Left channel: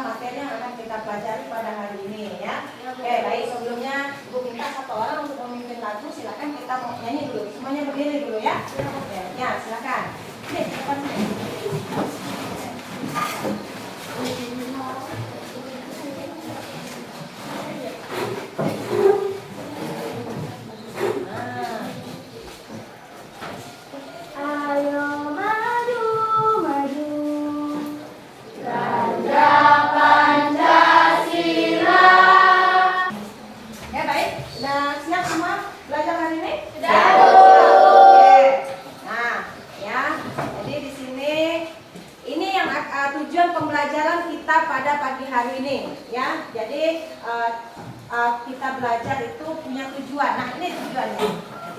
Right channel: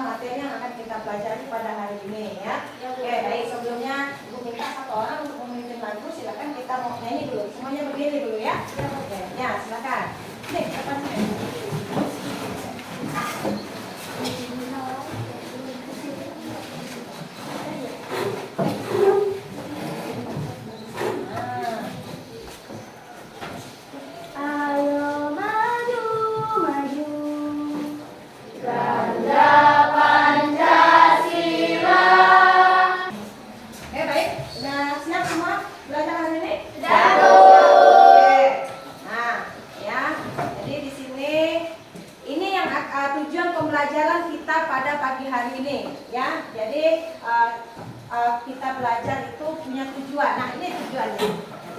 tentang materi yang akan kita pelajari pada hari ini ya. Oke, baik, sebelumnya Ibu minta satu orang untuk memimpin lagu. Silakan, kita mau nyanyi dulu. Semuanya berdiri dulu ya. Oke, ya silakan. Nih, silakan. Kita belajar itu punya tujuan. Nah, ini tujuannya.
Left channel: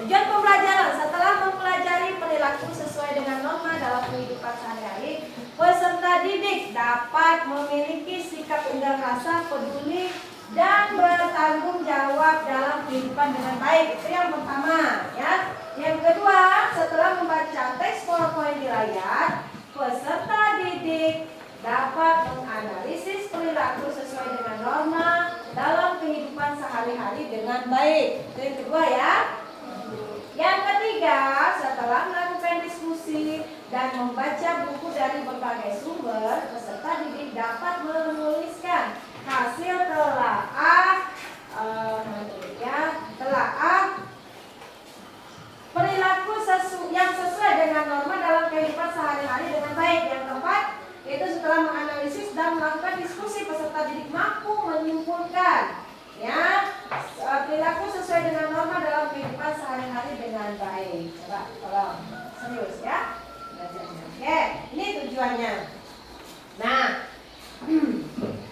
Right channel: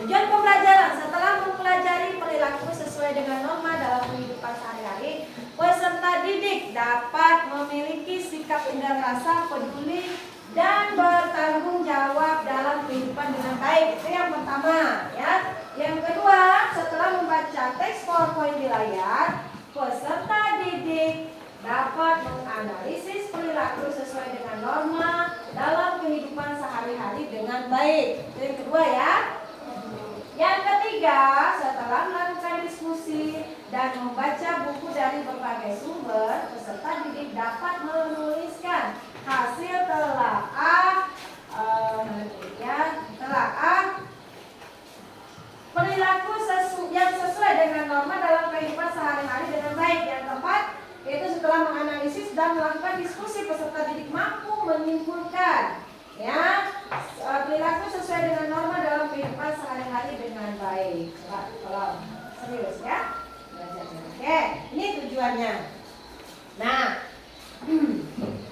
Tujuan pembelajaran setelah mempelajari perilaku sesuai dengan norma dalam kehidupan sehari-hari, peserta didik dapat memiliki sikap indah rasa, peduli, dan bertanggung jawab dalam kehidupan dengan baik. Itu yang pertama, ya. Yang kedua, setelah membaca teks PowerPoint di layar, peserta didik dapat menganalisis perilaku sesuai dengan norma dalam kehidupan sehari-hari dengan baik. Itu yang kedua ya. Yang ketiga, setelah melakukan diskusi dan membaca buku dari berbagai sumber, peserta didik dapat menuliskan hasil telaah perilaku yang sesuai dengan norma dalam kehidupan sehari-hari dengan baik. Yang keempat, yaitu setelah menganalisis dan melakukan diskusi, peserta didik mampu menyimpulkan ya perilaku sesuai dengan norma dalam kehidupan sehari-hari dengan baik. Coba tolong serius ya. Oke, ini tujuannya. Nah,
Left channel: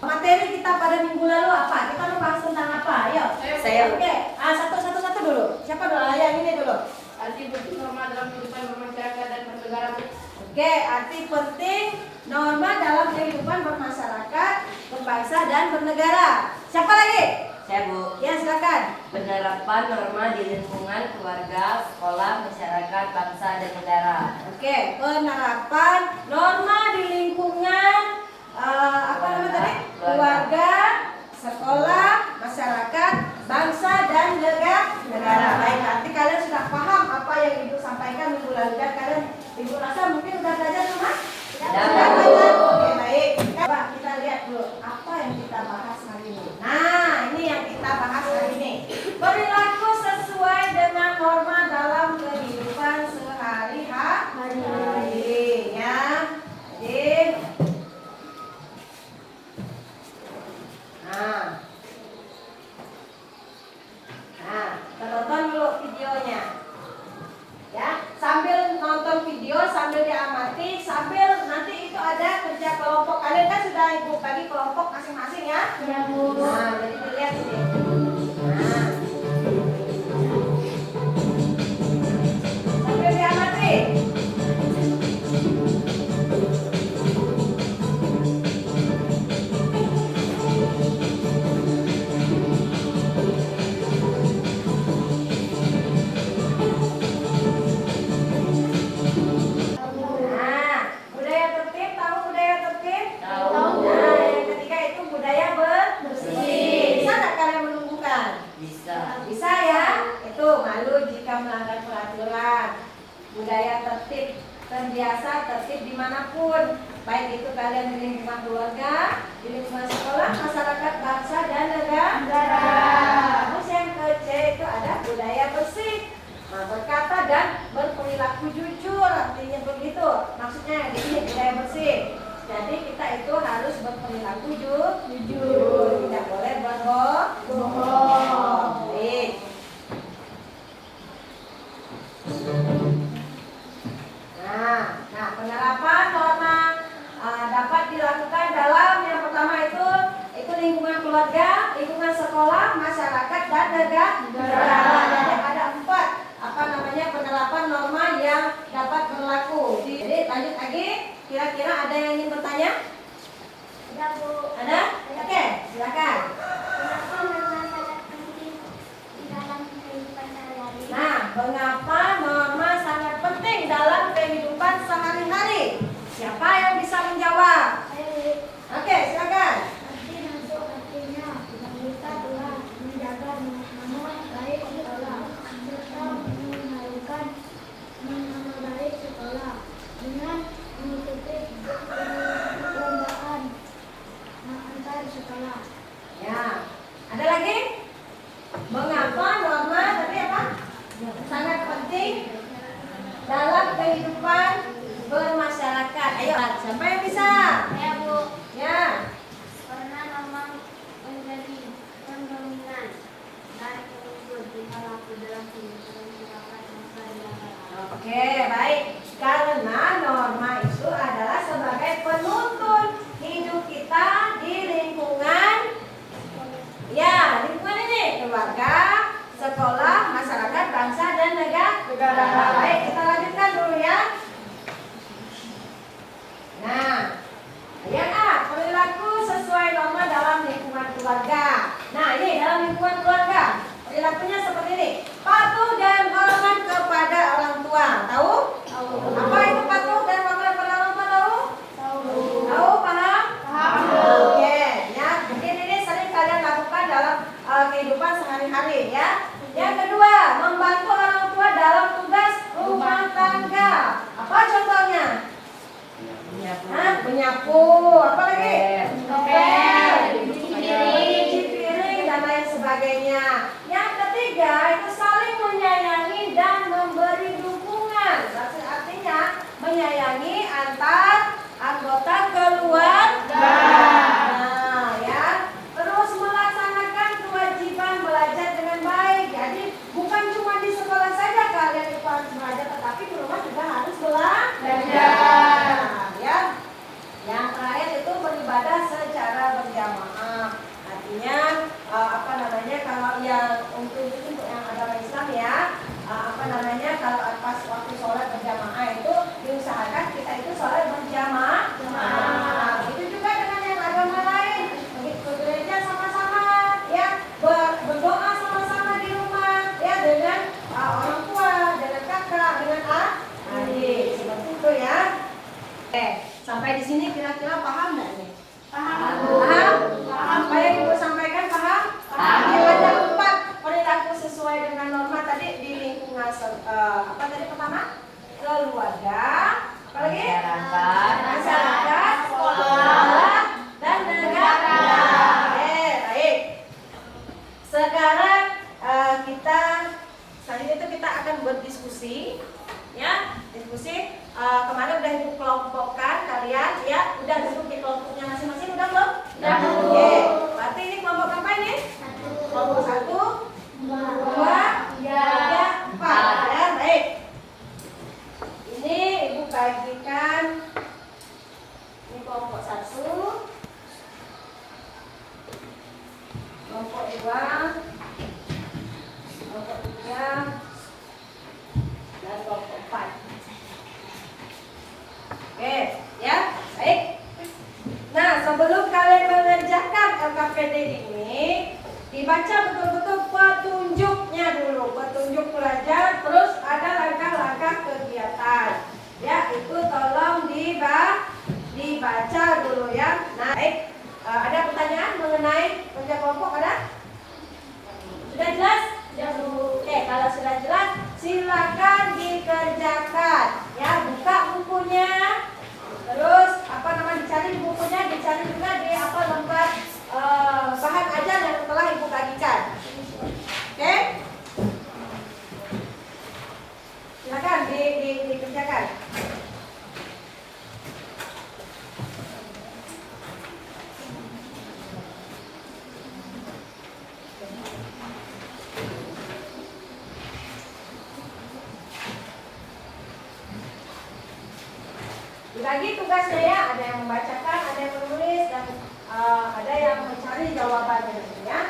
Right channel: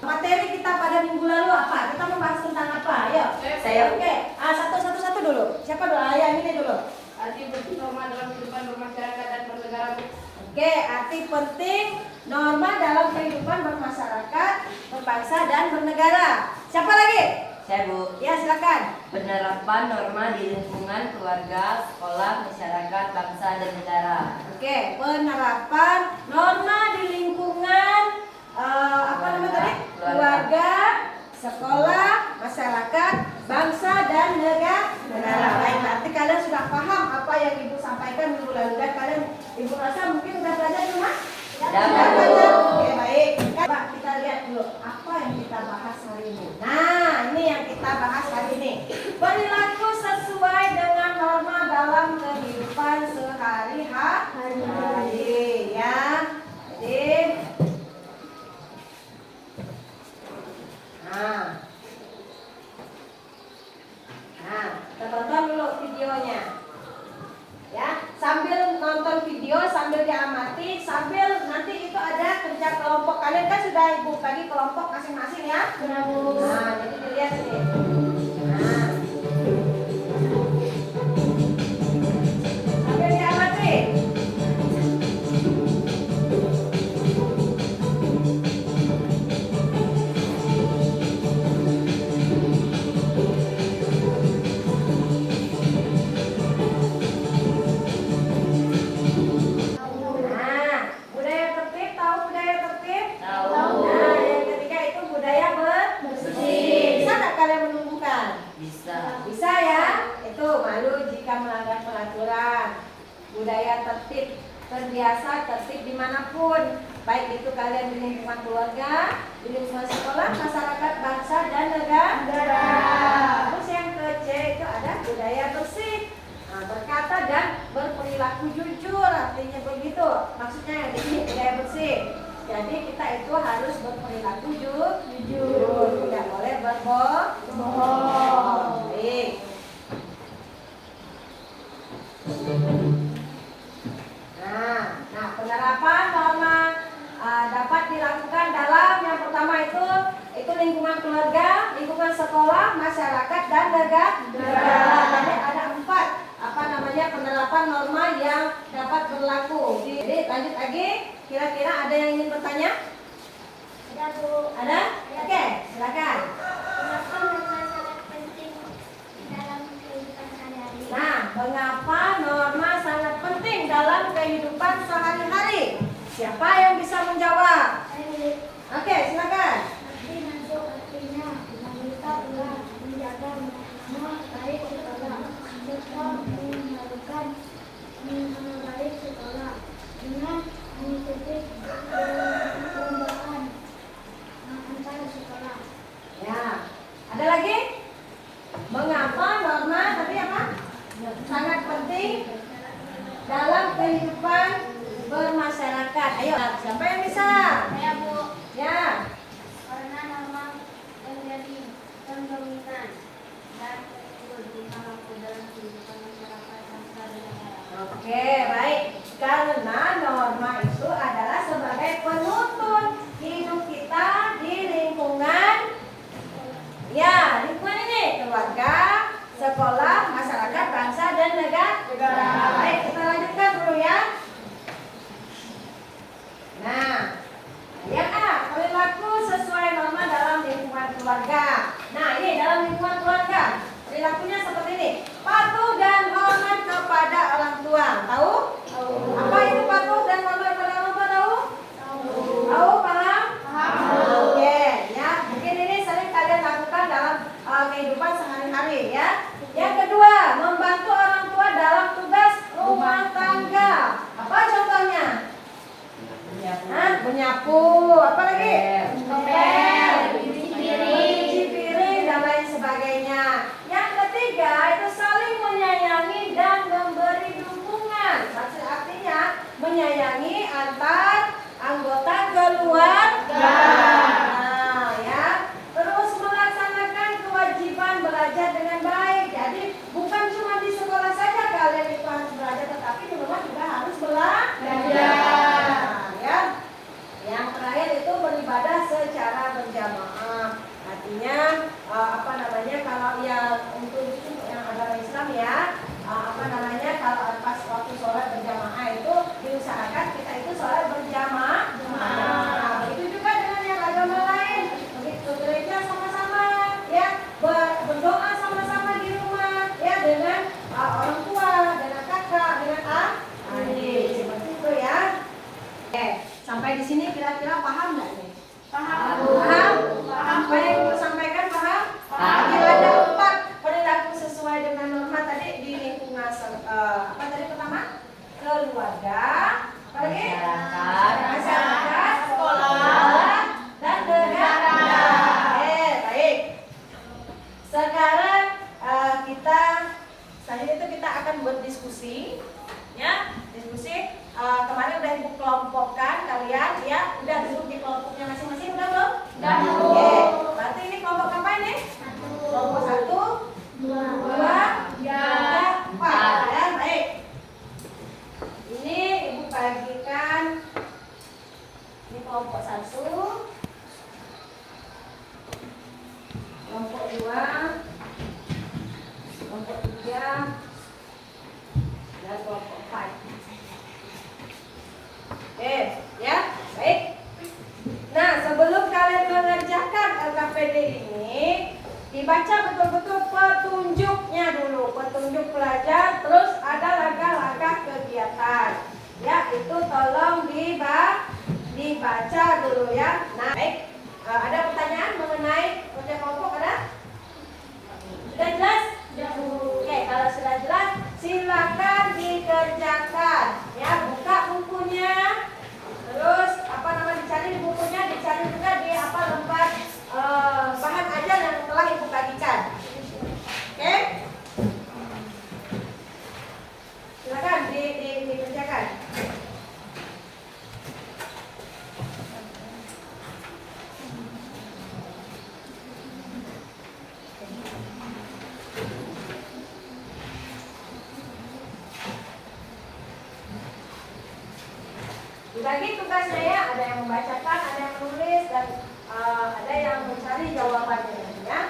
materi kita pada minggu lalu apa? Kita membahas tentang apa? Ayo. Saya. Oke, satu dulu. Siapa dulu? Yang ini dulu. Arti penting norma dalam kehidupan bermasyarakat dan bernegara. Oke, arti penting norma dalam kehidupan bermasyarakat, berbangsa dan bernegara. Siapa lagi? Saya, Bu. Ya, silakan. Penerapan norma di lingkungan keluarga, sekolah, masyarakat, bangsa dan negara. Oke, penerapan norma di lingkungan apa namanya tadi? Keluarga, sekolah, masyarakat, bangsa dan negara. Baik, nanti kalian sudah paham apa yang Ibu sampaikan minggu lalu dan kalian Ibu rasa mungkin sudah belajar di rumah? Sudah belajar. Oke, baik. Coba kita lihat dulu apa yang kita bahas hari ini. Nah, ini yang kita bahas hari ini. Perilaku sesuai dengan norma dalam kehidupan sehari-hari ya. Jadi kita tonton dulu videonya. Ya, sambil nonton video, sambil diamati, sambil nanti itu ada kerja kelompok. Kalian kan sudah Ibu bagi kelompok masing-masing ya? Ya, Bu. Nah, jadi dilihat ini. Sambil diamati. Bisa ya, itu malu jika melanggar peraturan. Budaya tertib, terbiasa tertib dimanapun, baik itu kalian di lingkungan keluarga, di lingkungan sekolah, masyarakat, bangsa dan negara. Terus yang ke-C itu ada budaya bersih, berkata dan berperilaku jujur, artinya begitu. Maksudnya ini budaya bersih. Jadi kita itu harus berperilaku jujur, tidak boleh berbohong. Baik. Nah, penerapan norma dapat dilakukan dalam yang pertama itu lingkungan keluarga, lingkungan sekolah, masyarakat dan negara. Jadi ada 4 penerapan norma yang dapat berlaku. Jadi lanjut lagi. Kira-kira ada yang ingin bertanya? Ada, Bu. Ada? Oke, silakan. Kenapa norma sangat penting dalam kehidupan sehari-hari? Nah, mengapa norma sangat penting dalam kehidupan sehari-hari? Siapa yang bisa menjawab? Oke, silakan. Mengapa norma tadi apa? Sangat penting dalam kehidupan bermasyarakat. Ayo, siapa yang bisa? Saya Bu. Ya. Karena norma menjadi pendominan dan penunjuk di perilaku dalam kehidupan masyarakat bangsa dan negara. Oke, baik. Karena norma itu adalah sebagai penuntun hidup kita di lingkungan, ya, lingkungan ini, keluarga, sekolah, masyarakat, bangsa, dan negara. Baik, kita lanjutkan dulu ya. Nah, yang A, perilaku sesuai norma dalam lingkungan keluarga. Nah, ini dalam lingkungan keluarga, perilakunya seperti ini. Patuh dan hormat kepada orang tua. Tahu? Apa itu patuh dan hormat kepada orang tua? Tahu? Tahu, paham? Paham. Oke, ya. Mungkin ini sering kalian lakukan dalam kehidupan sehari-hari ya. Yang kedua, membantu orang tua dalam tugas rumah tangga. Apa contohnya? Menyapu, apa lagi? Ngepel, mencuci piring dan lain sebagainya. Yang ketiga itu saling menyayangi dan memberi dukungan. Artinya menyayangi antar anggota keluarga. Nah, ya. Terus melaksanakan kewajiban belajar dengan baik. Jadi bukan cuma di sekolah saja kalian itu harus belajar, tetapi di rumah juga harus belajar. Ya. Yang terakhir itu beribadah secara berjamaah. Artinya kalau yang untuk yang agama Islam ya, kalau pas waktu sholat berjamaah itu diusahakan kita itu sholat berjamaah. Itu juga dengan yang agama lain, ke gereja sama-sama ya, berdoa sama-sama di rumah ya, dengan orang tua, dengan kakak, dengan adik, seperti itu ya. Sampai di sini kira-kira paham nggak nih? Paham? Apa yang Ibu sampaikan paham? Ada 4 perilaku sesuai dengan norma tadi di lingkungan apa tadi pertama? Keluarga, apa lagi? Masyarakat, sekolah, dan negara. Baik. Sekarang selanjutnya kita akan berdiskusi, ya, diskusi. Kemarin udah Ibu kelompokkan kalian, ya, udah duduk di kelompoknya masing-masing, udah belum? Udah. Oke, berarti ini kelompok apa ini? Kelompok 1, 2, 3, 4. Ya, baik. Ini Ibu bagikan. Ini kelompok 1, kelompok 2, kelompok 3, dan kelompok 4. Oke, ya, baik. Nah, sebelum kalian mengerjakan LKPD ini, dibaca betul-betul petunjuknya dulu, petunjuk pelajar, terus ada langkah-langkah kegiatan. Ya, itu tolong dibaca dulu ya. Nah, baik. Ada pertanyaan mengenai kerja kelompok ada? Sudah jelas? Oke, kalau sudah jelas, silakan dikerjakan. Ya, buka bukunya. Terus dicari di bukunya, dicari juga di lembar bahan ajar yang telah Ibu bagikan. Oke? Silakan dikerjakan. Lagi tugasnya ya, ada yang membacakan, ada yang menulis, dan ada yang mencari jawabannya nantinya.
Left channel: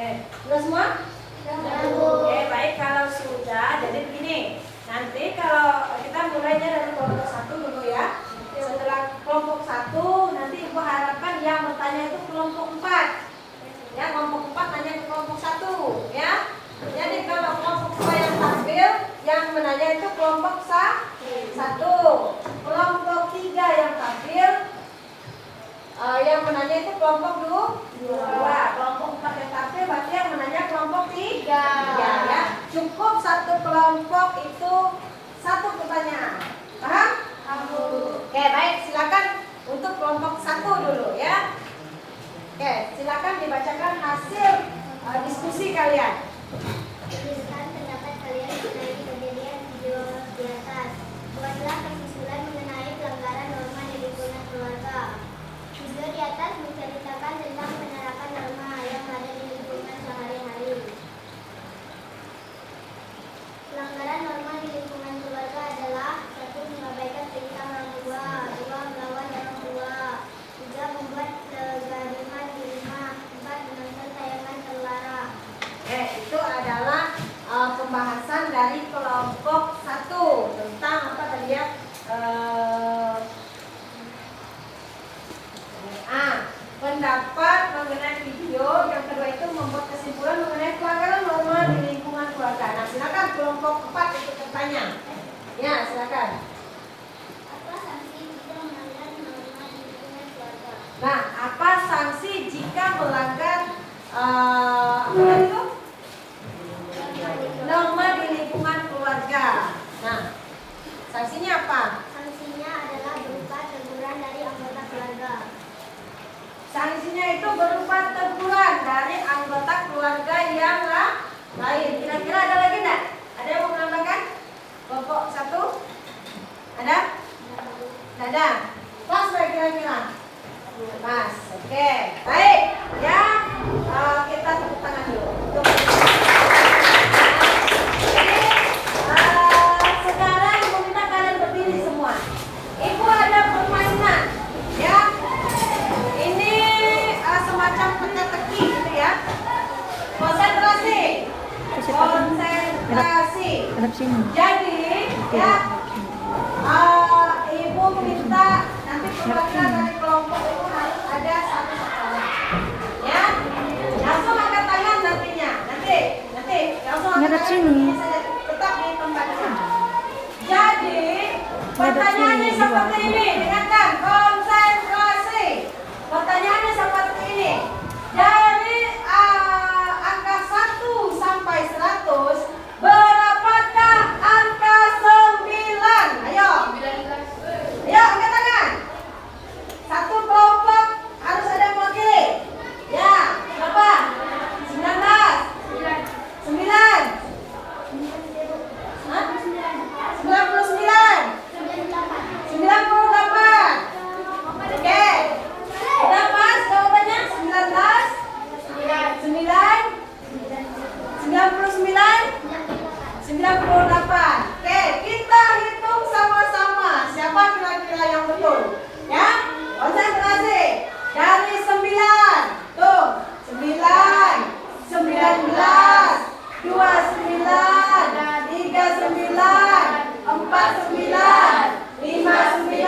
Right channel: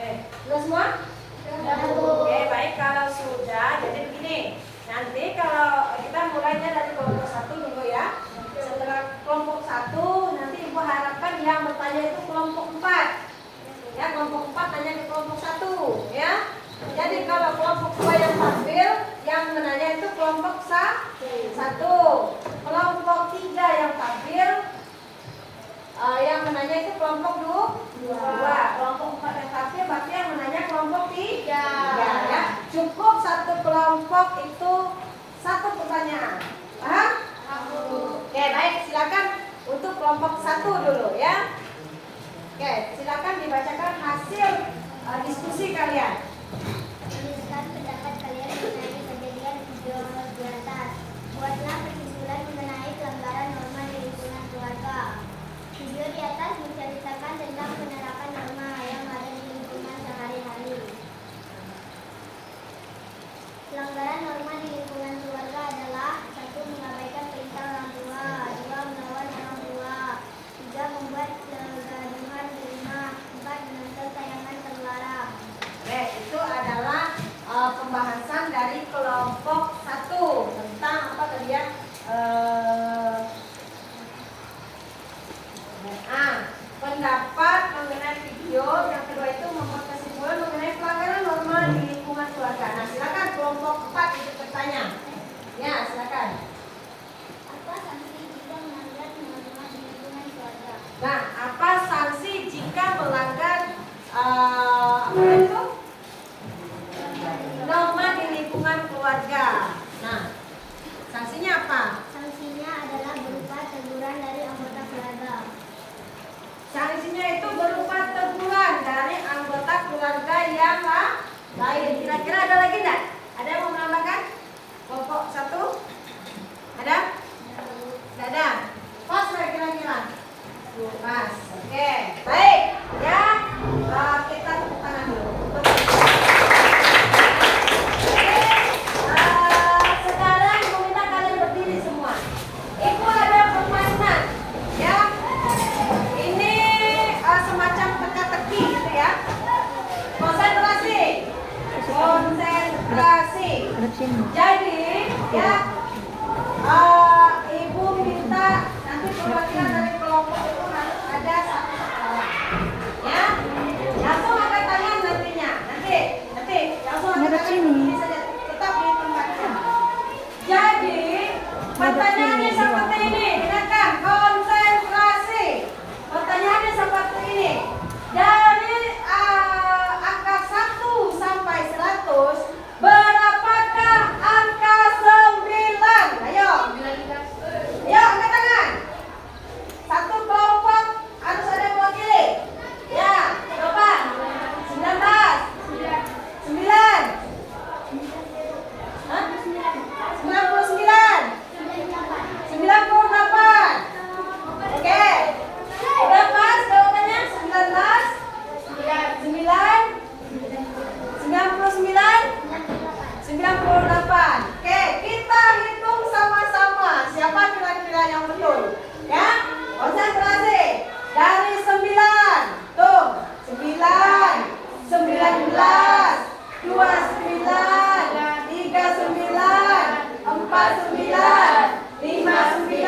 Sudah semua? Oke, baik, kalau sudah, jadi begini. Nanti kalau kita mulainya dari kelompok 1 dulu ya. Setelah kelompok 1, nanti Ibu harapkan yang bertanya itu kelompok 4. Ya, kelompok 4 tanya ke kelompok 1 ya. Jadi kalau kelompok 2 yang tampil, yang menanya itu kelompok 1. Kelompok 3 yang tampil, yang menanya itu kelompok 2. Kelompok 4 yang tampil berarti yang menanya kelompok 3 ya. Cukup satu kelompok itu satu pertanyaan. Paham? Oke, baik, silakan untuk kelompok 1 dulu ya. Oke, silakan dibacakan hasil diskusi kalian. Tuliskan pendapat kalian mengenai kejadian video di atas. Buatlah kesimpulan mengenai pelanggaran norma di lingkungan keluarga. Video di atas menceritakan tentang penerapan norma yang ada di lingkungan sehari-hari. Pelanggaran norma di lingkungan keluarga adalah 1. Mengabaikan perintah orang tua, 2. Melawan orang tua, 3. Membuat kegaduhan di rumah, 4. Menonton tayangan terlarang. Oke, itu adalah pembahasan dari kelompok 1 tentang apa tadi ya? Pendapat mengenai video. Yang kedua itu membuat kesimpulan mengenai pelanggaran norma di lingkungan keluarga. Nah, silakan kelompok 4 itu bertanya. Ya, silakan. Apa sanksi jika melanggar norma di lingkungan keluarga? Nah, apa sanksi jika melanggar apa itu? Norma di lingkungan keluarga. Nah, sanksinya apa? Sanksinya adalah berupa teguran dari anggota keluarga. Sanksinya itu berupa teguran dari anggota keluarga yang lain. Kira-kira ada lagi enggak? Ada yang mau menambahkan? Kelompok 1? Ada? Tidak ada. Pas nggak kira-kira? Pas. Oke. Baik. Ya. Kita tepuk tangan dulu. Sekarang Ibu minta kalian berdiri semua. Ibu ada permainan. Ya. Ini semacam teka-teki gitu ya. Konsentrasi. Jadi ya, Ibu minta nanti perwakilan dari kelompok itu harus ada satu sekolah. Ya, langsung angkat tangan nantinya. Nanti langsung angkat tangan ini saja, tetap di tempatnya. Jadi pertanyaannya seperti ini, dengarkan, konsentrasi. Pertanyaannya seperti ini. Dari angka 1 sampai 100, berapakah angka 9? Ayo. Ayo angkat tangan. Satu kelompok harus ada yang mewakili. Ya, berapa? 19. 9. Hah? 99. 98. Oke. Udah pas jawabannya? 19. 98. Oke, kita hitung sama-sama. Siapa kira-kira yang betul? Ya, konsentrasi. Dari 9. Tuh, 9, 19, 29, 39, 49, 59,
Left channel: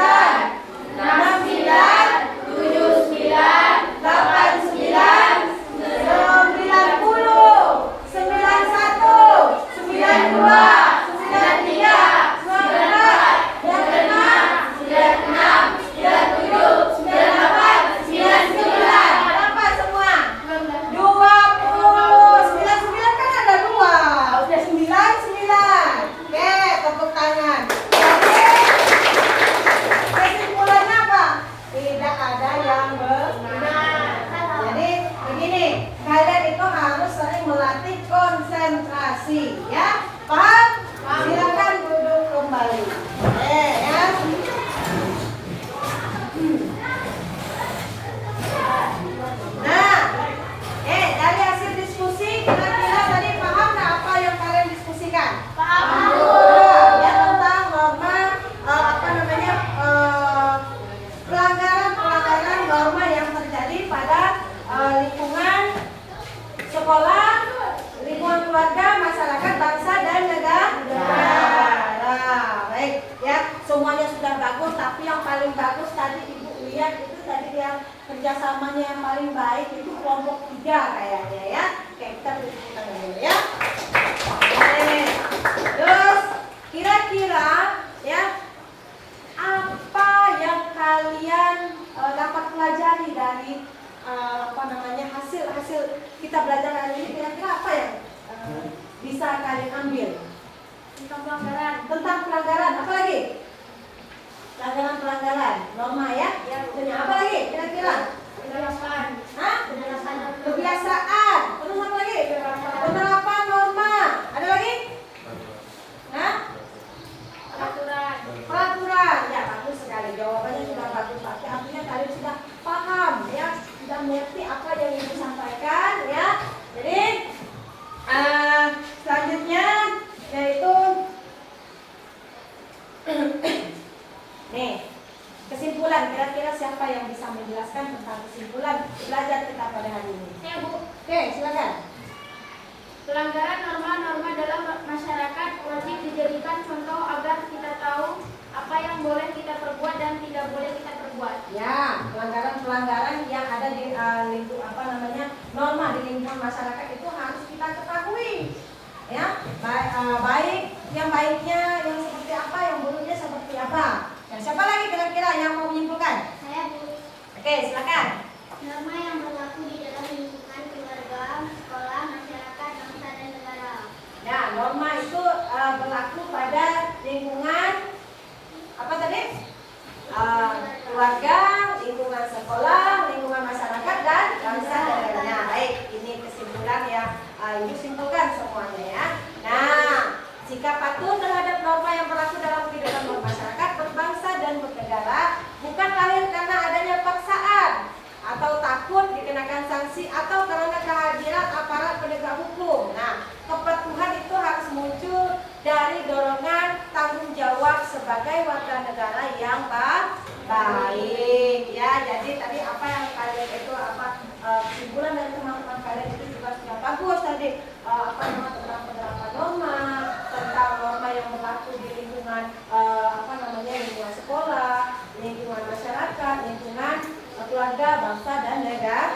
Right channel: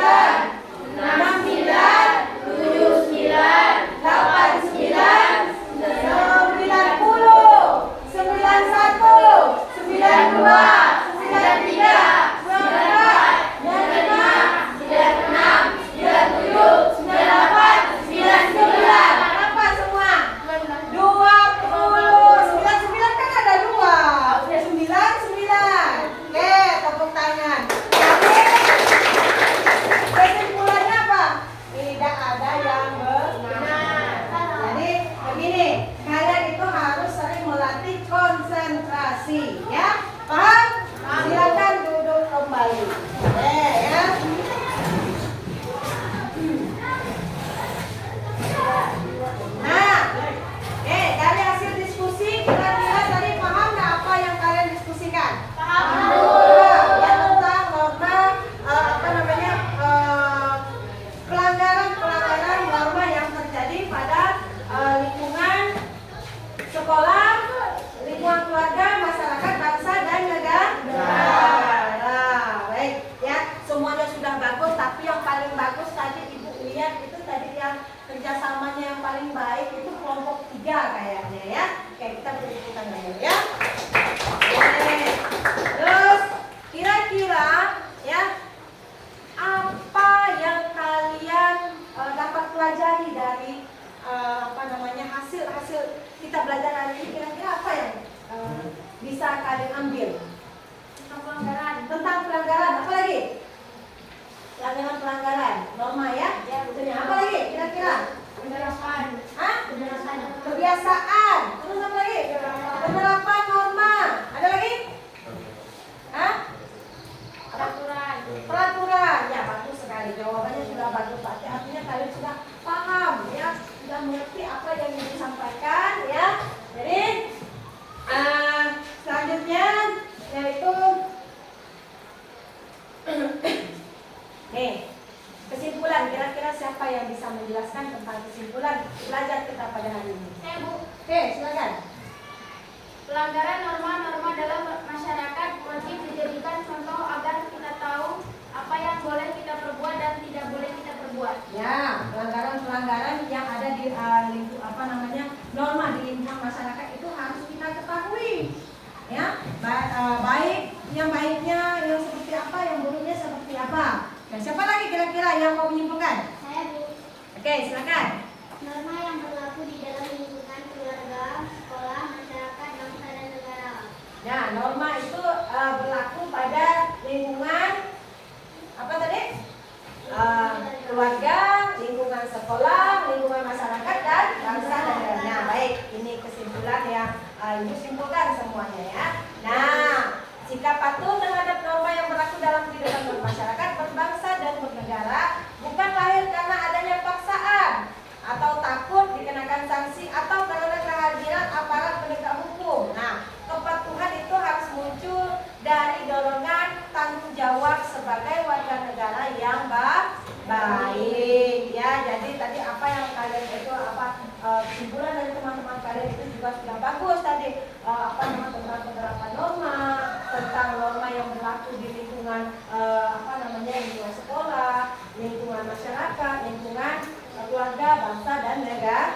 69, 79, 89, 90, 91, 92, 93, 94, 95, 96, 97, 98, 99. Berapa semua? 29, 99. sekolah, lingkungan keluarga, masyarakat, bangsa, dan negara. Baik, ya semuanya sudah bagus, tapi yang paling bagus tadi Ibu lihat itu tadi yang kerjasamanya yang paling baik itu kelompok 3 kayaknya ya. Oke, kita beri tepuk tangan dulu ya. Oke. Terus kira-kira ya apa yang kalian dapat pelajari dari hasil kita belajar hari ini, kira-kira apa yang bisa kalian ambil tentang pelanggaran apa lagi? Pelanggaran norma ya. Apa lagi kira-kira? Kebiasaan. Terus apa lagi? Penerapan norma. Ada lagi? Peraturan. Ya, bagus sekali. Jawabannya sudah bagus. Tapi artinya kalian sudah paham ya, sudah mengerti apa yang Ibu sampaikan ya. Jadi selanjutnya yaitu nih, kesimpulan. Kira-kira siapa yang bisa menjelaskan tentang kesimpulan belajar kita pada hari ini? Ya, Bu. Oke, silakan. Pelanggaran norma-norma dalam masyarakat wajib dijadikan contoh agar kita tahu apa yang boleh kita perbuat dan tidak boleh kita perbuat. Ya, pelanggaran-pelanggaran yang ada di norma di lingkungan masyarakat itu harus kita ketahui. Ya, baik yang baiknya yang seperti apa, yang buruknya seperti apa. Dan siapa lagi kira-kira yang mau menyimpulkan? Saya Bu. Oke, silakan. Norma yang berlaku di dalam lingkungan keluarga, sekolah, masyarakat, bangsa, dan negara. Ya, norma itu berlaku pada lingkungan apa tadi? Keluarga, lingkungan sekolah, lingkungan masyarakat, dan bangsa dan negara. Nah, baik, ini kesimpulan ya. Ibu simpulkan semuanya ya. Nah, sikap patuh terhadap norma yang berlaku dalam kehidupan masyarakat, berbangsa, dan bernegara bukan lahir karena adanya paksaan atau takut dikenakan sanksi atau karena kehadiran aparat penegak hukum. Nah, kepatuhan itu harus muncul dari dorongan tanggung jawab sebagai warga negara yang baik ya. Jadi tadi apa yang kalian itu kesimpulan dari teman-teman kalian itu juga sudah bagus tadi, tentang penerapan norma, tentang norma yang berlaku di lingkungan lingkungan sekolah, lingkungan masyarakat, lingkungan keluarga, bangsa, dan negara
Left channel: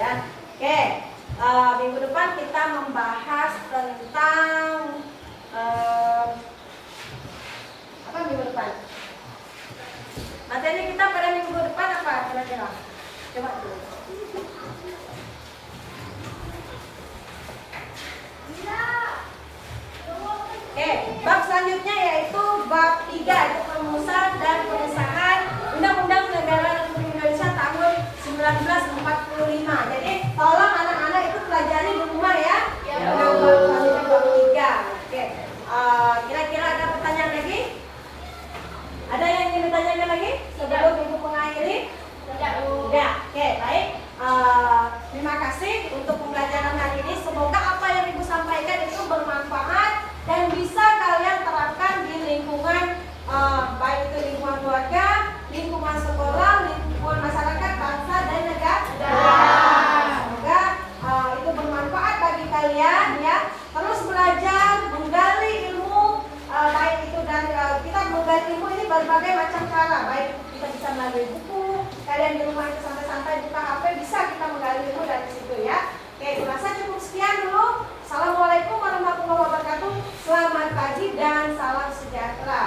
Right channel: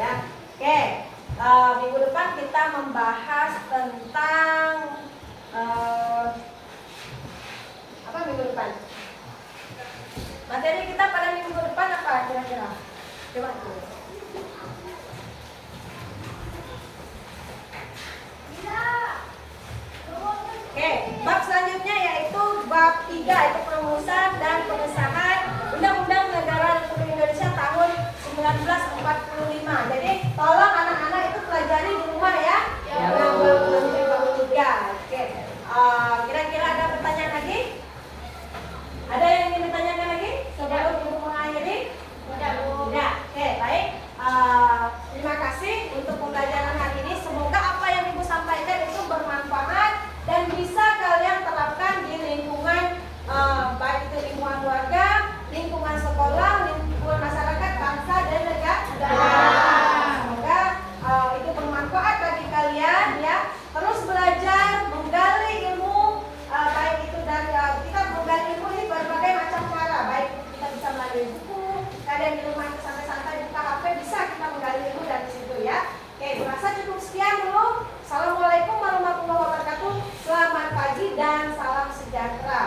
ya. Oke, minggu depan kita membahas tentang apa minggu depan? Materi kita pada minggu depan apa kira-kira? Coba tuh. Oke, bab selanjutnya yaitu bab 3, itu perumusan dan pengesahan Undang-Undang Negara Republik Indonesia tahun 1945. Jadi tolong anak-anak itu pelajari di rumah ya. Bab 3. Oke. Kira-kira ada pertanyaan lagi? Ada yang ingin ditanyakan lagi sebelum Ibu mengakhiri? Tidak. Oke, baik. Terima kasih untuk pembelajaran hari ini. Semoga apa yang Ibu sampaikan itu bermanfaat dan bisa kalian terapkan di lingkungan, baik itu lingkungan keluarga, lingkungan sekolah, lingkungan masyarakat, bangsa, dan negara. Semoga itu bermanfaat bagi kalian ya. Terus belajar, menggali ilmu, baik itu dari kita menggali ilmu ini berbagai macam cara. Baik kita bisa melalui buku, kalian di rumah sampai buka HP bisa kita menggali ilmu dari situ ya. Oke, rasa cukup sekian dulu. Assalamualaikum warahmatullahi wabarakatuh. Selamat pagi dan salam sejahtera.